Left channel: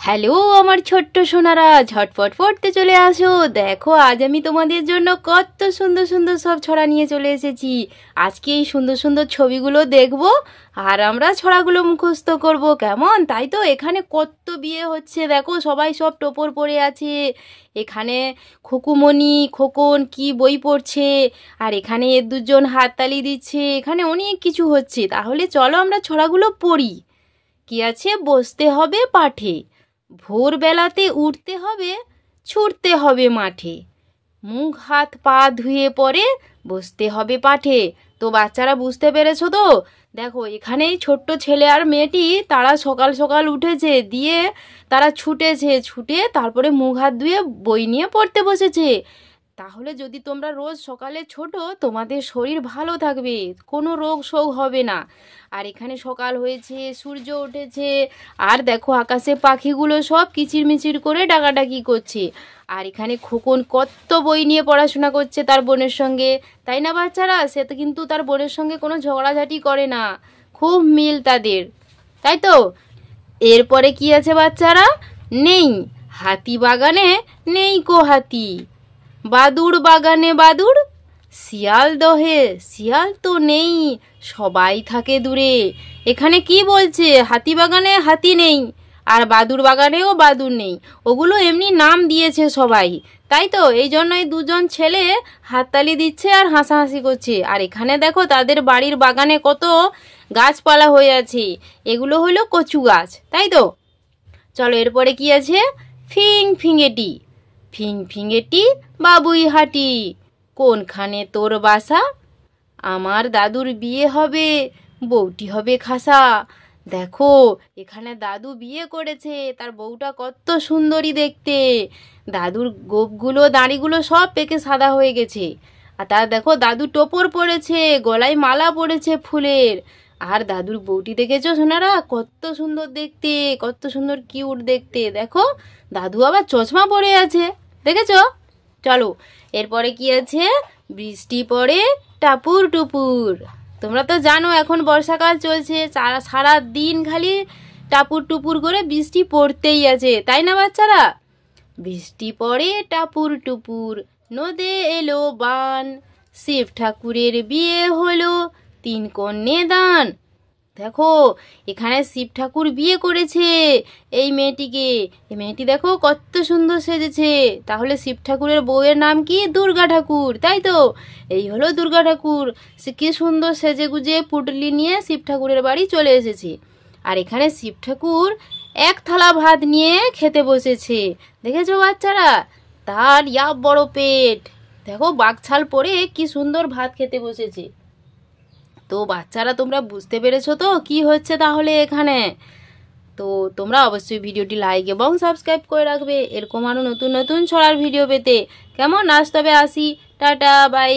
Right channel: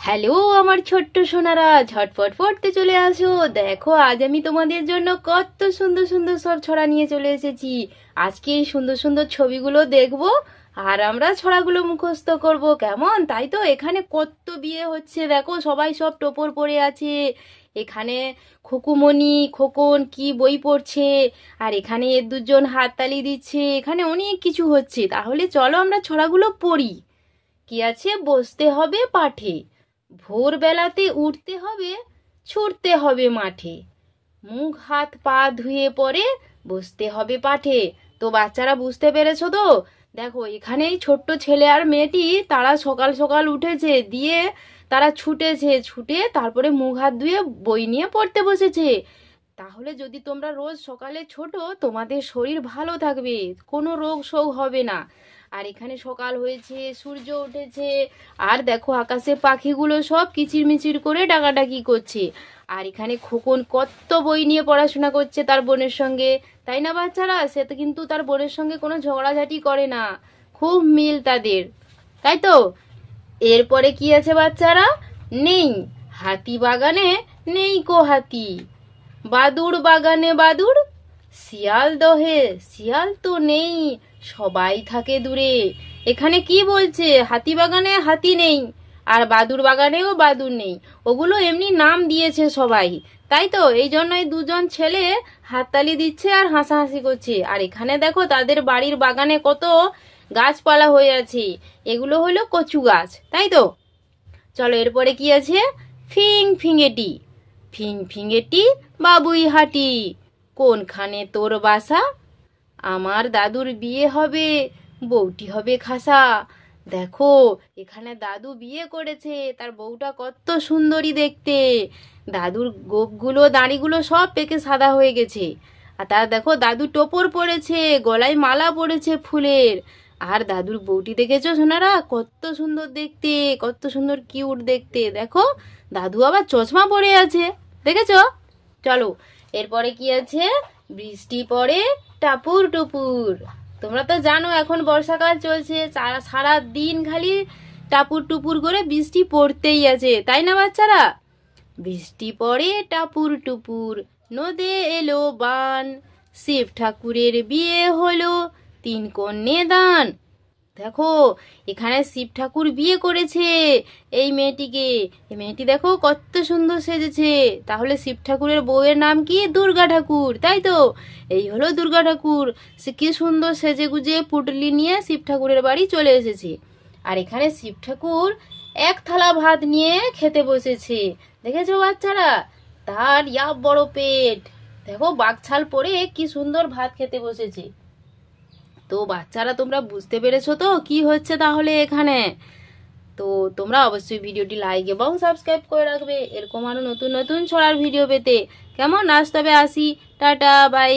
Hello আমার ছোট্ট সোনারা, ঝটপট পড়তে চলে আসো। দেখো আজ আমি তোমাদের জন্য কত সুন্দর সুন্দর সব ছড়া নিয়ে চলে এসেছি। আজকে এই সুন্দর সুন্দর ছবিগুলো দেখবো আর আমরা ছড়াগুলো মুখস্থ করব, কেমন? তাই তো এখানে কত বিয়ে হচ্ছে, দেখো সবাই সব টোপর পরে আছে। এখানে খোকুমণি খোকন কি বই পড়ছে, আর এখানে এর দুজন হাততালি দিচ্ছে। এখানে অনেক কিছু হচ্ছে। তাহলে চলো আমরা ছড়াগুলো পড়ি। কি আছে? বসতে হবে পাঠে, ভোরবেলাতে উঠতে হবে, ছুটতে হবে মাঠে, মুখ হাত পা ধুয়ে পরে বসতে হবে পাঠে। তো বাচ্চারা বুঝতে পেরেছো তো? দেখো এখানে ছোট্ট ছেলে আর মেয়েটি তারা সকাল সকাল উঠেছে, দিয়ে তারা ছুটে তারপরে মুখ হাত ধুয়ে বই নিয়ে পড়তে বসেছে। তাহলে যদি তোমরা রোজ সকালে ছোটো, তোমাদের শরীর ভালো থাকবে, কোনো রোগ শোক হবে না। আর এখানে সকাল হয়েছে, সূর্য উঠেছে, আর দেখো আকাশে পাখিগুলো সব কিচিরমিচির করে ডাকাডাকি করছে। আর এখানে খোকন কত বই নিয়ে পড়াশোনা করছে তার বোনের সঙ্গে, তাই না বাচ্চারা? সে তো কিন্তু তার বোনের সঙ্গে কোনো ঝগড়াঝাটি করে না, খুব মিল তাদের, তাই তো? এরপরে কি আছে বাচ্চারা? নেই হাতি বাগানে নেই কো হাতি, বাদুড় বাগানে বাদুড়, শিয়াল দহে শিয়াল তো নেই, সবাই থাকে দূরে। এখানে কি বলছে? হাতি বাগানে হাতি নেই, আর বাদুড় বাগানেও বাদুড় নেই। ওগুলো এমনি নাম দিয়েছে সবাই, তাই তো? এই জন্যই দুজন ছেলে হাততালি দিচ্ছে আর হাসাহাসি করছে। আর এখানে দেখো তাদের বাড়ির বাগানে কত গাছপালা হয়ে আছে, এগুলো হলো কচু গাছ, তাই তো? চলো এরপরে কি আছে? ফিং ফিঙেটি, ফিং ফিঙেটি বাবুই হাটি, কোনখানে তোর বাসা, আমার দাদুর বিয়ে হবে, বউটি হবে খাসা। দেখো এখানে দাদু বিয়ে করেছে, তার বউটা কত সুন্দরী দেখতে। দাদুর গোপগুলো দাড়িগুলো সব পেকে সাদা হয়ে গেছে। আর তার দেখো দাদু টোপর পরেছে, গলায় মালা পরেছে ফুলের। আর দাদুর বউটি দেখেছো সোনারা? কত সুন্দর দেখতে, কত সুন্দর কিউট দেখতে। দেখো দাদু আবার চশমা পরে আছে, দেখেছো? চলো এরপরে কি আছে? বৃষ্টি পড়ে টাপুর টুপুর। তোমরা তো জানো এখন বর্ষাকাল চলছে, সারা দিন খালি টাপুর টুপুর করে বৃষ্টি পড়তেই আছে, তাই না বাচ্চারা? বৃষ্টি পড়ে টাপুর টুপুর, নদে এলো বান, শিব ঠাকুরের বিয়ে হলো, 3 কন্যে দান। দেখো এখানে শিব ঠাকুর বিয়ে করেছে এই মেয়েটিকে। এই মেয়েটি দেখো কত সুন্দর সেজেছে। তাহলে শিব ঠাকুরের বউয়ের নাম কি? দুর্গা ঠাকুর, তাই তো? এই হলো দুর্গা ঠাকুর। সে কি সুন্দর সেজে গুজে পুটলি নিয়ে শিব ঠাকুরের বাড়ি চলে এসেছে। আর এখানে শিব ঠাকুর এক থালা ভাত নিয়ে খেতে বসেছে, দেখেছো বাচ্চারা? তার বড় পেট, দেখো বাঘছাল পরে কি সুন্দর ভাত খেতে বসেছে। তো বাচ্চারা তোমরা বুঝতে পেরেছো তো কি হচ্ছে তাহলে এখানে? তো তোমরা অবশ্যই ভিডিওটি লাইক এবং সাবস্ক্রাইব করে রাখবে এরকম আরো নতুন নতুন ছড়ার ভিডিও পেতে, কেমন? আজ তবে আসি, টাটা বাই।